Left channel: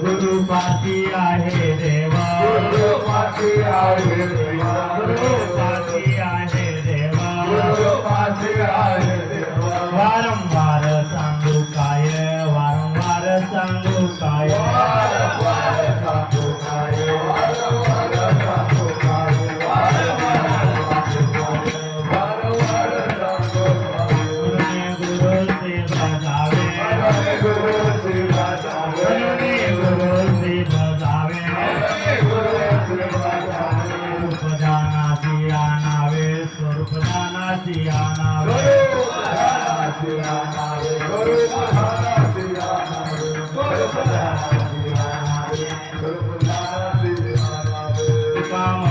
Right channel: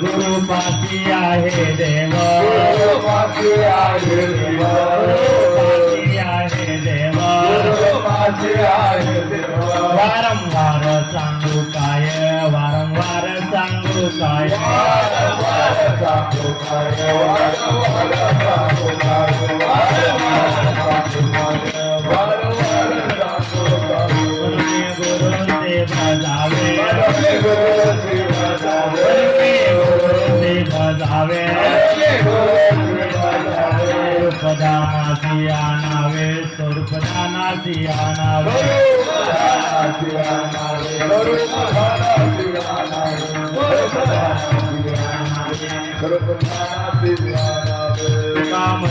गुरु पाठी आहे देव, गुरु पाठी आहे देव, गुरु पाठी आहे देव, वारंवार सांगू काय, वारंवार सांगू काय, वारंवार सांगू काय, वारंवार सांगू काय,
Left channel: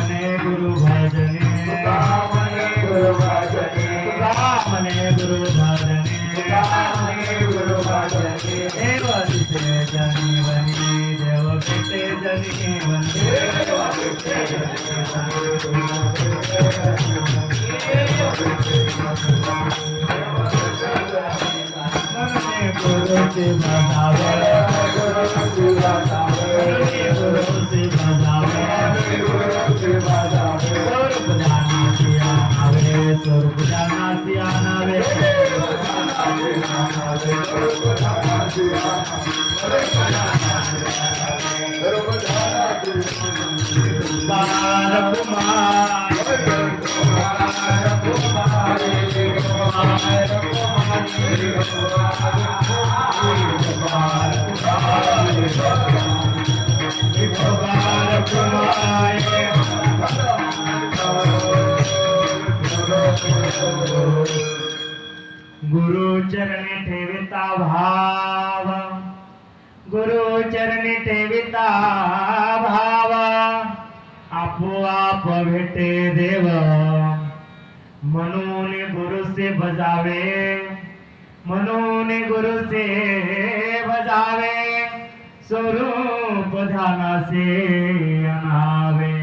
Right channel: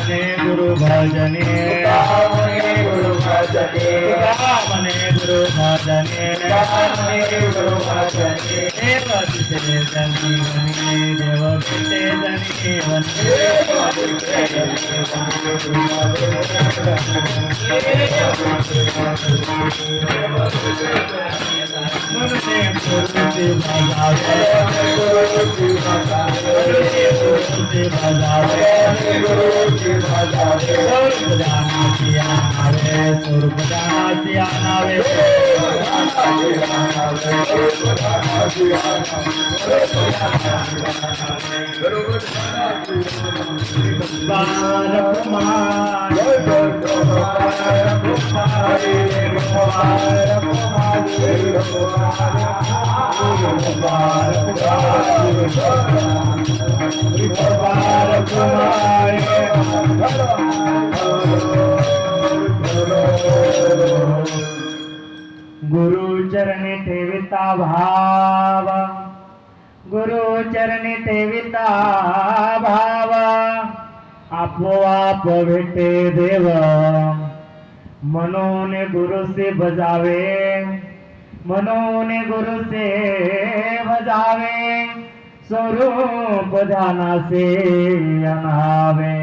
मने गुरु भजने, मने गुरु भजने, मने गुरु भजने, मने गुरु भजने, देव दिसे जनीवनी, देव पिते जनीवनी, देव पिते मने गुरु ती भजावे, गुरु ती भजावे, गुरु ती भजावे, गुरु ती भजावे, स्वरूप जाना सिया नावे, स्वरूप जाना सिया नावे, बार कुमार गुरु चरणी ठेविता भाव, गुरु चरणी ठेविता भाव, आपोआप भेटे देव, म्हणून गुरु से भजावे, म्हणून गुरु से भजावे, स्वरूप ध्याना से अनावे,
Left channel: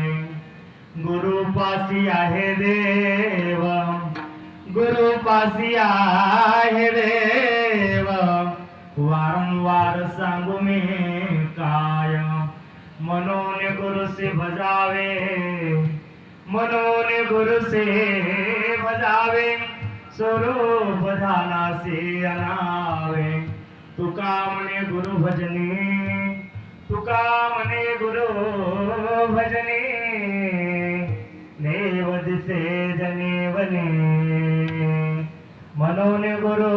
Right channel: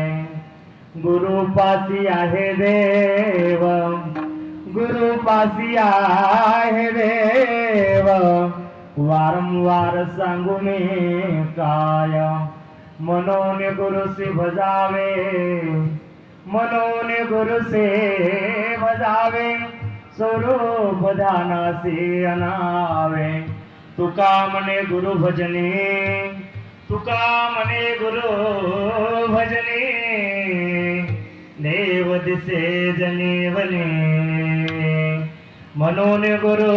गुरु पासी आहे देव, गुरु पासी आहे देव, वारंवार सांगू मी काय, म्हणून गुरु से भजावे, म्हणून गुरु से भजावे, स्वरूप ध्याना से अनावे, तुका म्हणे गुरु भजने, तुका म्हणे गुरु भजने, देव दिसे जनीवनी, म्हणून गुरु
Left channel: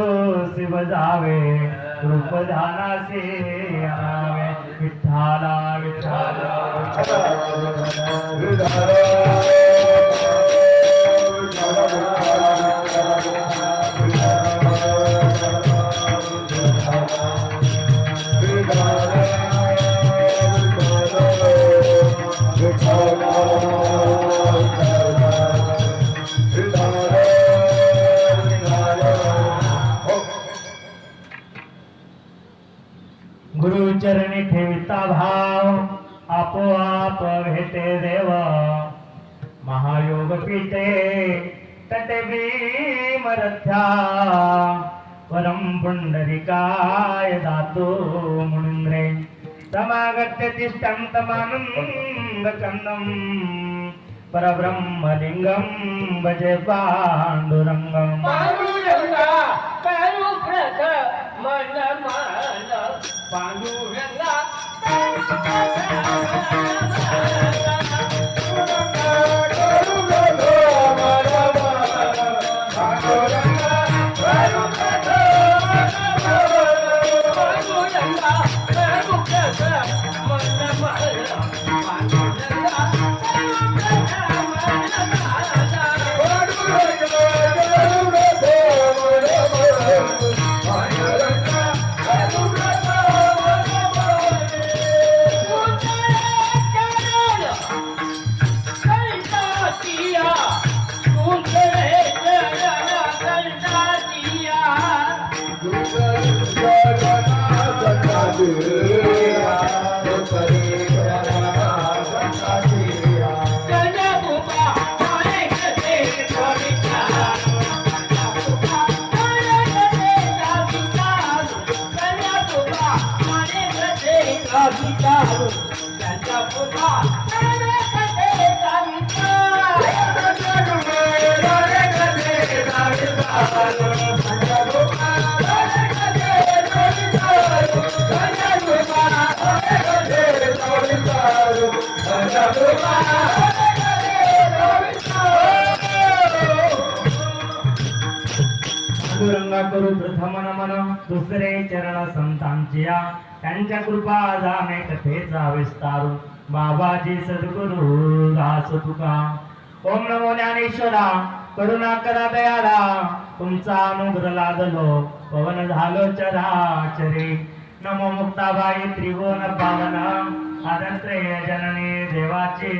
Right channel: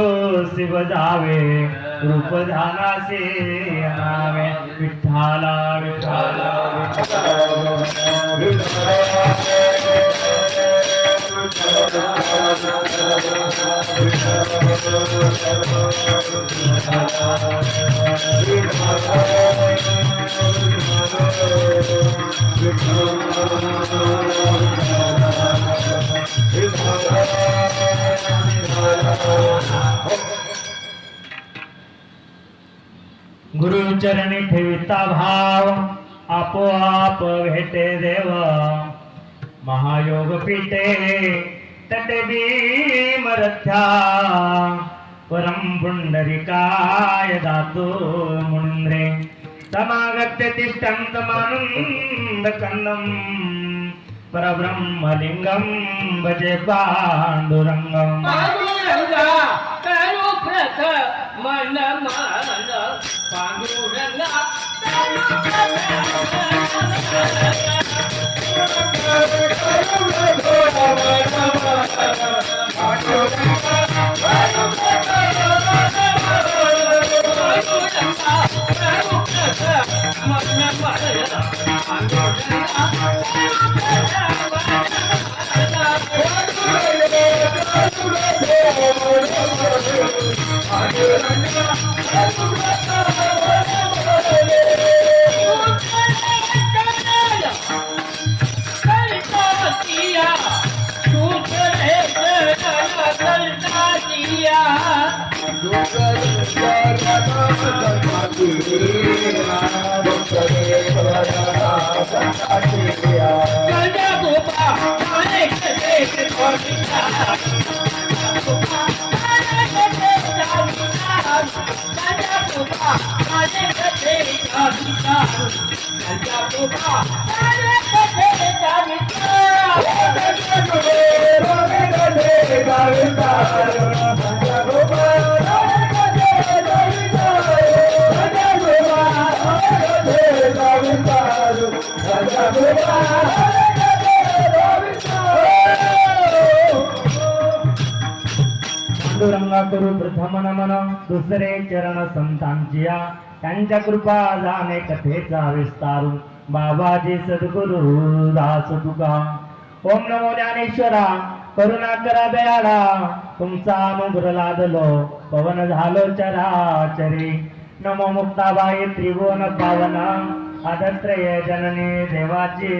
से भजावे, रूप ध्याना से अनावे, विठ्ठला विठ्ठला गुरु चरणी ठेविता भाव, आपोआप भेटे देव, महायोग पीठे तटे भीमरथ्या, परम पुंडरिकाय दातो मुंद्रे, समागत्य तिष्ठं तमानंद कंदं, परब्रह्मलिंगं भजे पांडुरंगं, पांडुरंगा करू प्रथ मन मान, पांडुरंगा पांडुरंगा करू प्रथम नमन दुसरे चरण संतांचिया त्यांच्या कृपा जाणे कथेचा विस्तारू बाबाजी सद्गुरु दास तुका ओम नमो ज्ञानेश्वरा करुणा करा दयाळा तुमचा अनुग्रह लादलो पवन झालो चराचरी नमो मुक्ताबाई त्रिभुवन पावन आदत्रय जननी देवाचे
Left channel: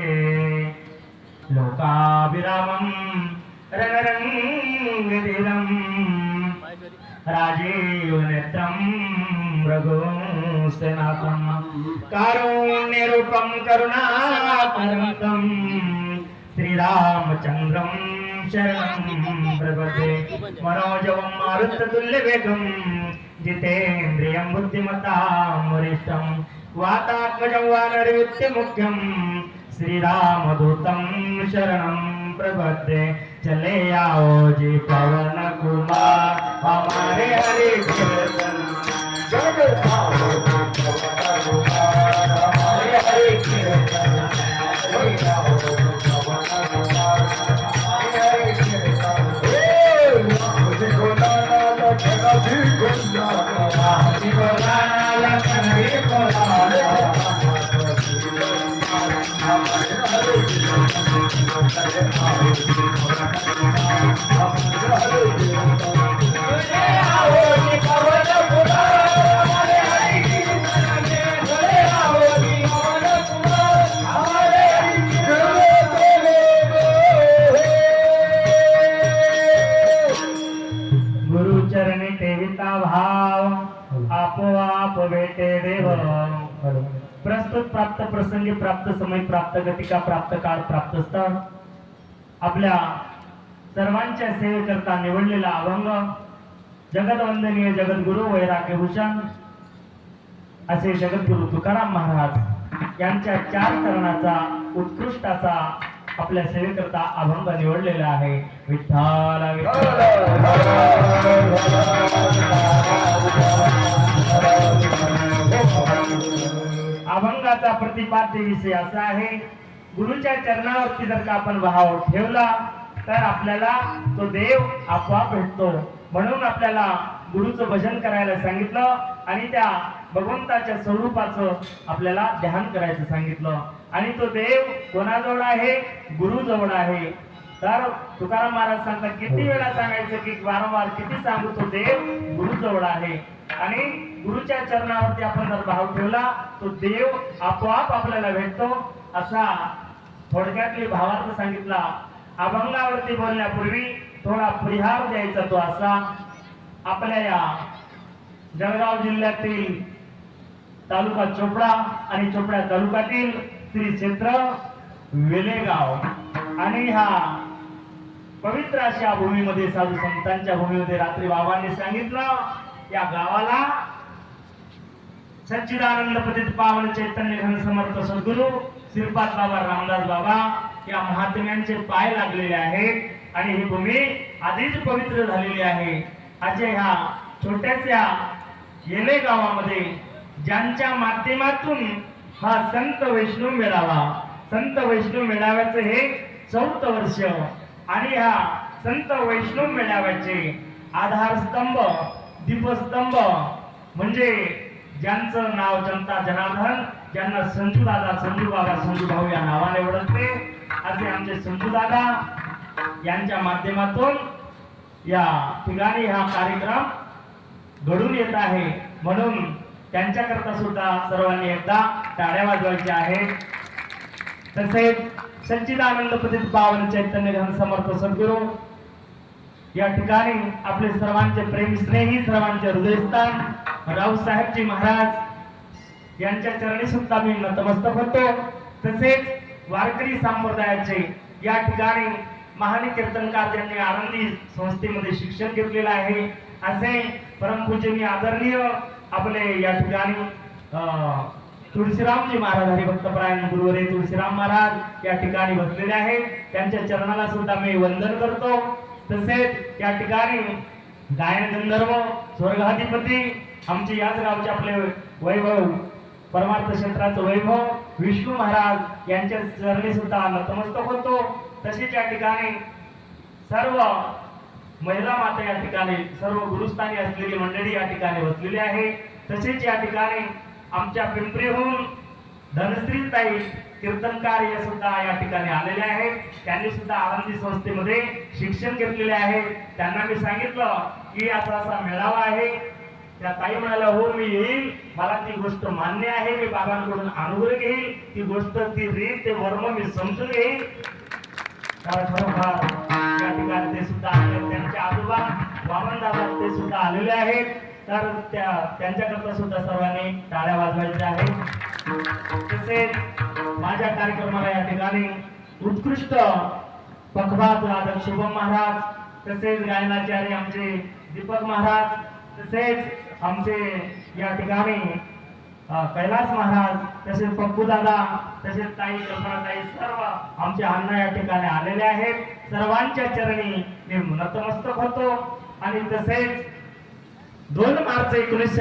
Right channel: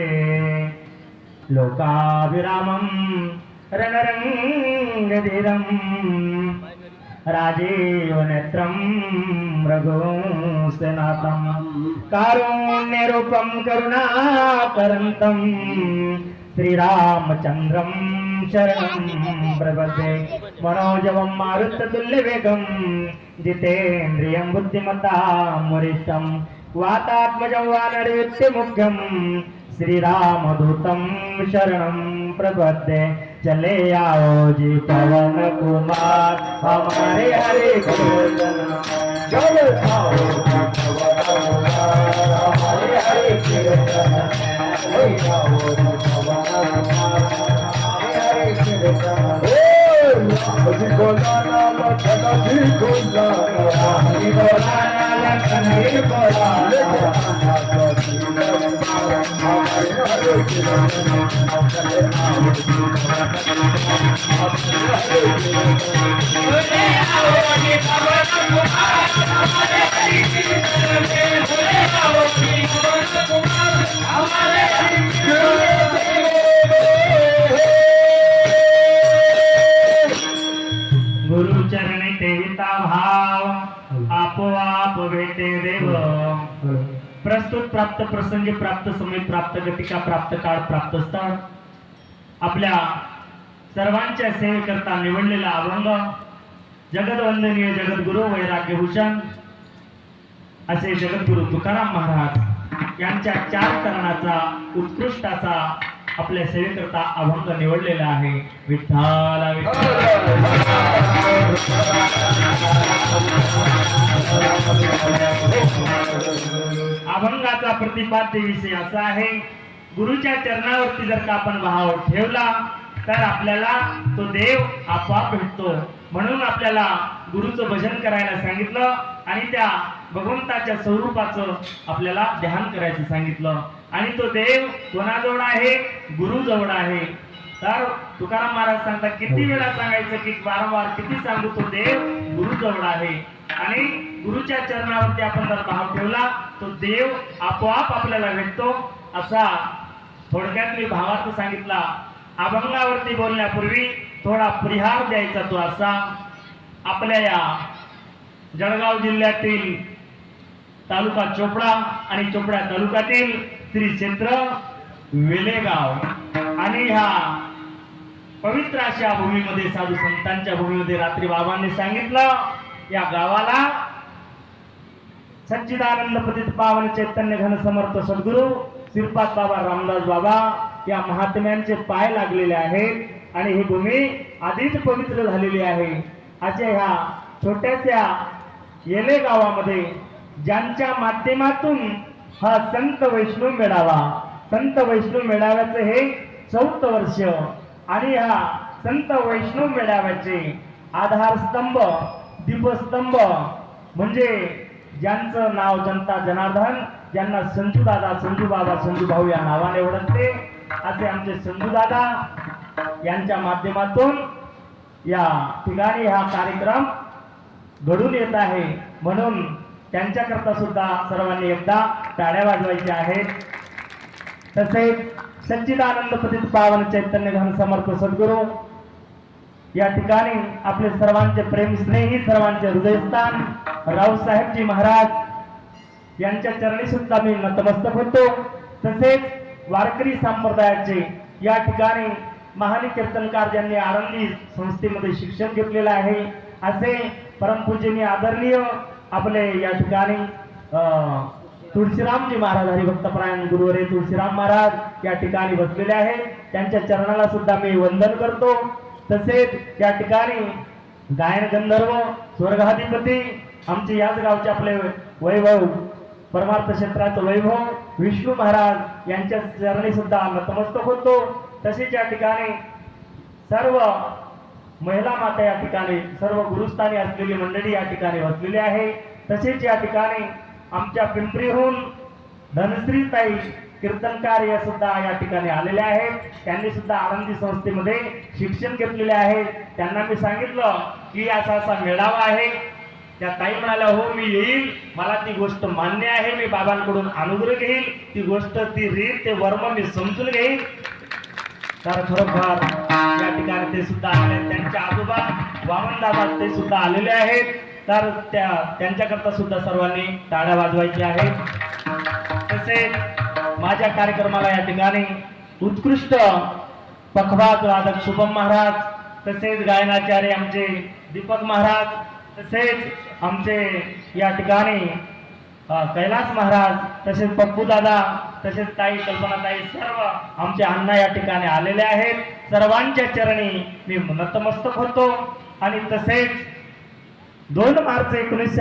लोकाभिरामं रणरंगधीरं राजीव नेत्रं रघुसेनाथं कारुण्यरूपं करुणाकरन्तं श्रीरामचन्द्रं शरणं प्रपद्ये मनोजवं मारुततुल्यवेगं जितेन्द्रियं बुद्धिमतां वरिष्ठं वातात्मजं वानरवित्यमुख्यं श्रीरामदूतं शरणं प्रपद्ये चले आओ जी पवन कुमार हमारे हरे कीर्तन चले आओ जी पवन कुमार हमारे हरे कीर्तन चले आओ जी पवन कुमार हमारे हरे कीर्तन जी बोलाना लखन जी बोलाना जी बोलाना लखन जी बोलाना गुरुचरणी ठेविता भाव आपोआप भेटे देव प्रस्तुत प्राप्त प्रसंगी प्राप्त समय प्राप्त गतिका प्राप्त काळ प्राप्त स्थळ आपल्या सर्वांच्या सेवेकरता निवडलेला अभंग जगदवंदनीय जगद्गुरु वैराग्यभूषण असे जगद्गुरु तुकाराम महाराज यांच्या 4 चरणाचा उत्कृष्ट असा आपल्या सेवेकरता अभंग निवडलेला आहे. विठ्ठल अभंगाचा प्रतिपाद्य विषय असा आहे, गुरुच्या चरणावरती जर का आपण भाव ठेवला तर आपल्याला तो देव आपोआप भेटतो. म्हणून आपल्याला गुरुचं भजन करायला सांगितलं आणि त्या भगवंताच्या स्वरूपाचं आपल्याला ध्यान करायचं सांगितलं. आणि तो देव कोणाजवळ आहे? गुरुजवळ आहे. तर तुकाराम महाराज सांगतात, किती वेळा सांगायचं की वारंवार किती सांगू, तो देव गुरुजवळ आहे. आणि गुरुच्या चरणावरती आपण जर भाव ठेवला तो देव आपोआप आपल्याला भेटतो. असा थोडक्यातली भावार्थ सांगितला. अभंगावरती बोलण्यापूर्वी थोडा परिहार द्यायचा तो असा, आपल्या या जळगाव जिल्ह्यातील तालुका चोपडा आणि चोपडा तालुक्यातील श्री क्षेत्र वेलेगाव आणि ह्या पवित्र अशा भूमीमध्ये, साधू संतांच्या भूमीमध्ये रात्री बाबांनी सांगितलं, या गावाला सच्चिदानंद पतित पावन चैतन्य घन समर्थ सद्गुरु श्रीपाद बाबा रामदास बाबा या महात्म्यांचे पाय लागलेले आहेत आणि ही भूमी आधीच पवित्र झालेली आहे. अशा ह्या छोट्याशा येले गावामध्ये ज्यांच्या माध्यमातून हा संत वैष्णव मेळावा, संत वैष्णव मेळाव्याचं हे 4th वर्ष आणि ह्या संत वैष्णव मेळाव्याचे आधारस्तंभ, दीपस्तंभ म्हणजे ज्यांचं नाव जनता जनार्दन, ज्यांना संजू दादा, संजू बाबा, संजू भाऊ या नावाने ओळखते, असे आमचे संजू दादा यांच्या माध्यमातून या ठिकाणी हा कार्यक्रम घडून येत आहे. म्हणून त्यांच्याकरता सुद्धा सर्वांनी एकदा टाळ्या वाजवायच्या आहेत. तसेच सच्चिदानंद पतित पावन चैतन्य घन समर्थ सद्गुरु या ठिकाणी आपले सर्वांचे प्रेम स्नेही, सर्वांचे हृदयस्थान रावसाहेबजी महाराज यांच्या चरणी सुद्धा मी नतमस्तक होतो. तसेच वारकरी संप्रदायाचे या ठिकाणी महान कीर्तनकार ज्यांनी आनंदी संस्थेमध्ये शिक्षण घेतलेले आहे असे परमपूजनीय आदरणीय आपले या ठिकाणी तुळशीरामजी महाराज हरिभक्तपरायण गुरुवरे तुळशीराम महाराज या ठिकाणी बसलेले आहेत. त्यांच्या चरणाला सुद्धा मी वंदन करतो. तसेच या ठिकाणी गायन गंधर्व स्वर्गाधिपती आमचे याच गावचे आपले वैभव परमार्थ क्षेत्राचं वैभव विष्णू महाराज यांच्या चरणी सुद्धा नतमस्तक होतो. तसेच या ठिकाणी सर्व महिला माता या ठिकाणी सर्व गुरुस्थानी असलेली मंडळी या ठिकाणी बसलेली आहे. तसेच या ठिकाणी आमच्या पिंपरीहून धनश्रीताई कीर्तनकार या सुद्धा या ठिकाणी आलेले आहेत. त्यांनी सुद्धा आनंदी संस्थेमध्ये शिक्षण घेतलेले आहे. त्यांना मी सांगितलं की असा असा मेळावा आहे. त्या ताई म्हणाल्या हो मी येईल, मला ती गोष्ट मान्य आहे, मी बाबांकडून अनुग्रह घेईल, ती गोष्ट ती रीत ते वर्म मी समजून घेईल. तर खरोखर या ठिकाणी ते सुद्धा आले. त्यांच्या आजोबा वामनदादा ते सुद्धा आलेले आहेत. तर त्यांच्याकरता सुद्धा सर्वांनी टाळ्या वाजवायच्या आहेत. तसेच माझ्या कार्यक्रमाला या ठिकाणी उत्कृष्ट पखवाज वादक शुभम महाराज, तसेच गायनाचार्य आमचे दीपक महाराज, तसेच आमचे या ठिकाणी कैलास महाराज, तसेच पप्पू दादा, तसेच ताई कल्पनाताई सर्व आमचे अण्णा या ठिकाणी आलेले आहेत. सर्वांच्या चरणी मी नतमस्तक होतो. आणि तसेच 2 मार्च 19